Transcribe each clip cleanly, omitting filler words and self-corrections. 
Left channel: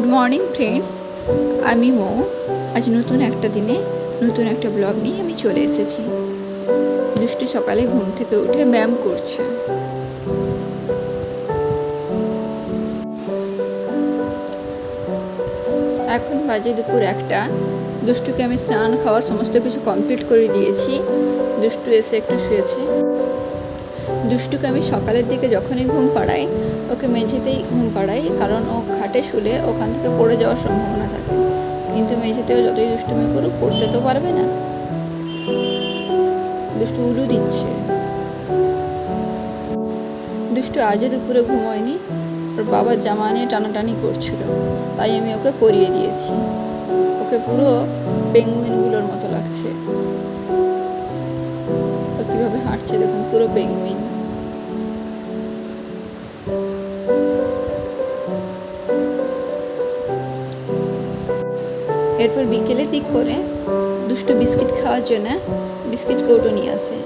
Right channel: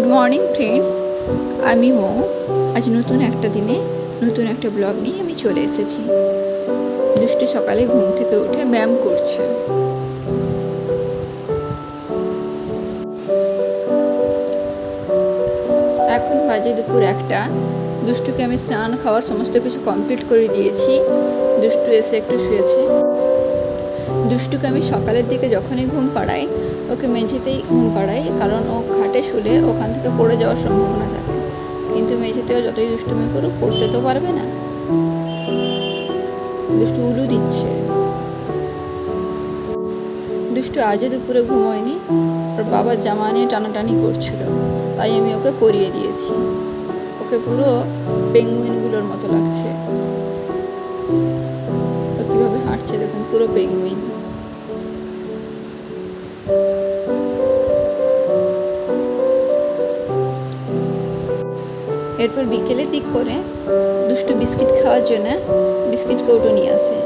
Good morning friends, আমি মৌ। আজ নতুন একটা দিনে নতুন একটা ব্লগ নিয়ে আমি চলে এসেছি। দুষ্টু সকালে ঘুম থেকে উঠে ব্যায়াম করছে। এখন বাজে দুপুর 1টা। দুষ্টুকে আমি স্নান খাওয়া সমস্ত কিছু কমপ্লিট করে দিয়েছি। দুষ্টু এসে একটু শুয়েছে। দুষ্টুকে আমি সকালের দিকে যখনই ঘুম পাড়াই, ওকে মেঝেতেই ঘুম পাড়াই, কারণ ও খাটে শুলে ওখান থেকে পড়ে যাওয়ার সম্ভাবনা থাকে। কিন্তু মেঝেতেও যতই দুষ্টুমি করুক, পড়তে তো পারবে না। দুষ্টু উলু দিচ্ছে। দুষ্টু আজও দুপুরে ঘুমোয়নি। ওর বাবার জামা নিয়ে টানাটানি করছিল, তাই আমি ওকে পরিয়ে দিয়েছি। ওকে পুরো পেঙ্গুইনগুলোর মতো লাগছে। ও কীভাবে হাঁটছে দেখুন, পুরো পেঙ্গুইন। এরপর বিকেলের দিক করে দুষ্টু বিস্কিট খাওয়ার জন্য বিস্কিট কৌটো নিয়ে আসে,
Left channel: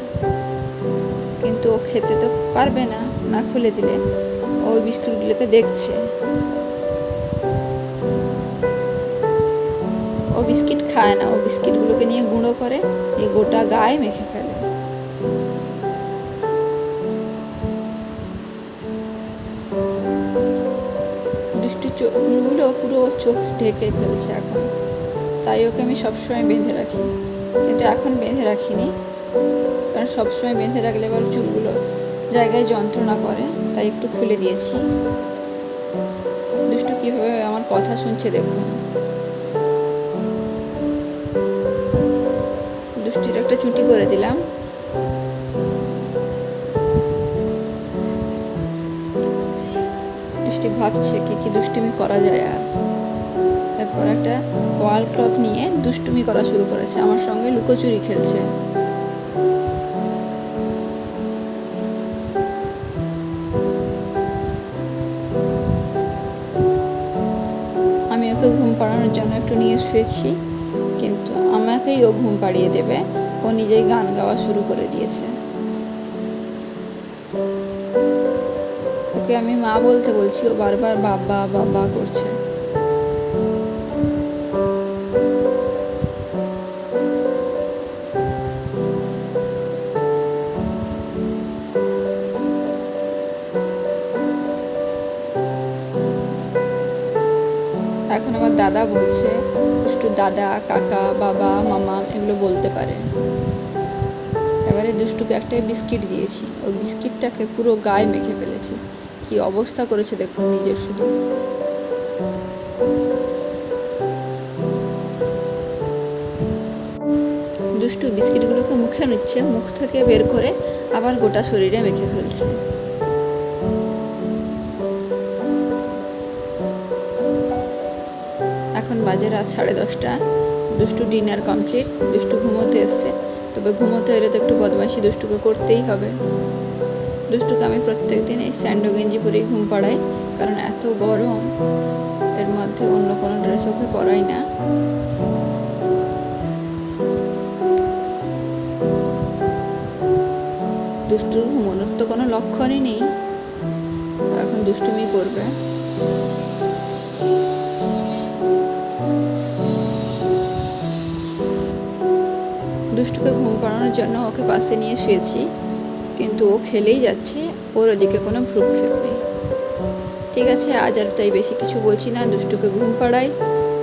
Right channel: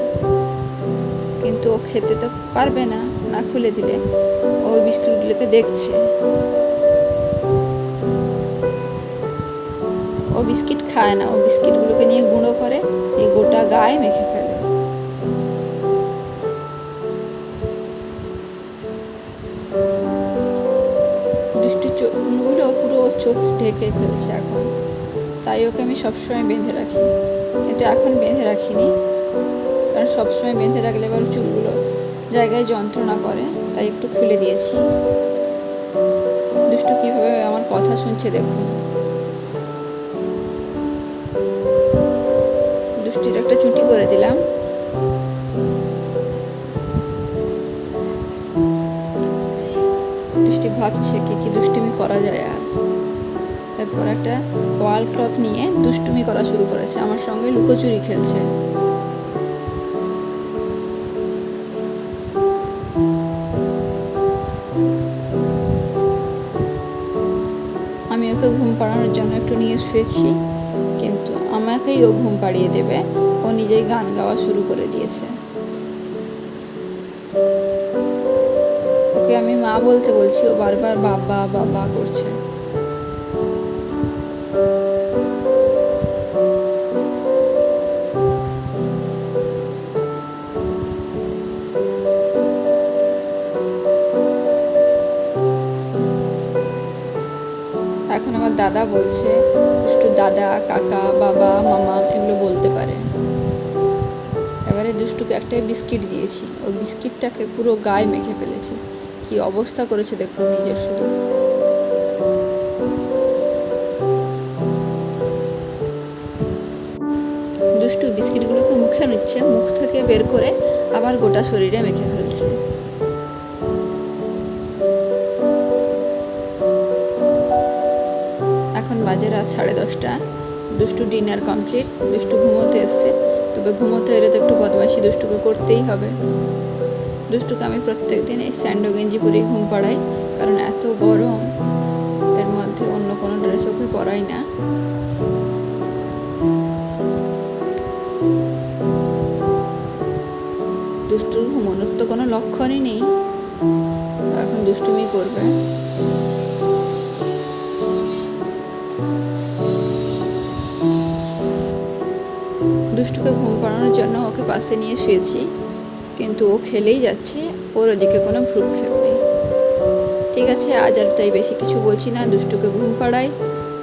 কিন্তু ও খেতে তো পারবে না, না খুলে দিলে। ওই বিস্কুটগুলোকে দেখছে। ও বিস্কিট খায় না, ও বিস্কিটগুলোকে নিয়ে গুঁড়ো করে এই গোটা গায়ে মেখে ফেলে। দুষ্টু চোখগুলো পুরো চোখ ঢেকে ফেলছে এখন, তাই ওকে আমি সবসময় বেঁধে রাখি। কিন্তু এখন বেঁধে রাখিনি, কারণ সবসময় বেঁধে রাখলে এবার চুলগুলো জায়গায় যন্ত্রণা করে, তাই একটু খুলে দিয়েছি। দুষ্টু কীভাবে আমার কথা শুনছে দেখুন। দুষ্টির একটা চুটি করে দিলাম। দুষ্টি ভাবছে কি দুষ্টুমি করা যায়। আর তারপর একটা ওয়াল ক্লথ নিয়ে দুষ্টুমি করা শুরু করেছে, আমার সঙ্গে লুকোচুরি খেলছে। আমি ওকে ঘুম পাড়ানোর জন্য একটু নিয়ে শুয়েছি, কিন্তু আমাকেই ও ঘুম পাড়িয়ে দেবে। ও নিজেই গান গাওয়া শুরু করে দিয়েছে। ওকে আমি মা বলতে বলছি, ও বারবার বাবা বাবা করছে। এখন আমার দাদা বলছে। দুষ্টু দাদা, কাকা, বাবা, মামা এগুলো বলতে পারে। এবারে দুষ্টুকে একটা বিস্কিট দিয়েছি, ওই বিস্কিটটাকে পুরো গায়ে মেখে ফেলেছে। কি অবস্থা করেছে দেখুন নিজের শুধু। দুষ্টু বিস্কিটগুলোকে মুখে নিচ্ছে, মুখ থেকে বের করে আবার গোটা শরীরে মেখে ফেলছে। এখন বাজে রাত 10:30। দুষ্টু ডিনার কমপ্লিট। দুষ্টু ঘুমোতে এসছে, তবে ঘুমোতে এলে তো একটু বদমাইশি দুষ্টুকে করতেই হবে। দুষ্টুকে আমি প্রত্যেক দিন এই স্যান্ডো গেঞ্জি পরেই ঘুম পাড়াই, কারণ এত গরম, এর মধ্যে অন্য কোনো ড্রেস ওকে পরাই না। দুষ্টুর ঘুমানোর তো কোনো লক্ষণই নেই, এখন দুষ্টুমি করবে। দুষ্টুকে ঘুম পাড়ানোর জন্য ওকে পাশে নিয়ে শুয়েছি, কিন্তু ও খেলেই যাচ্ছে, ওর ওদিকে কোনো ভ্রুক্ষেপ নেই। ঠিক আছে, আজ আর তাই বেশি কিছু বলছি না, দুষ্টুকে ঘুম পাড়াই।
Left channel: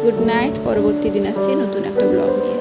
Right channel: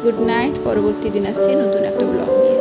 Good night. পরবর্তী দিন আসছি নতুন একটা ব্লগ নিয়ে।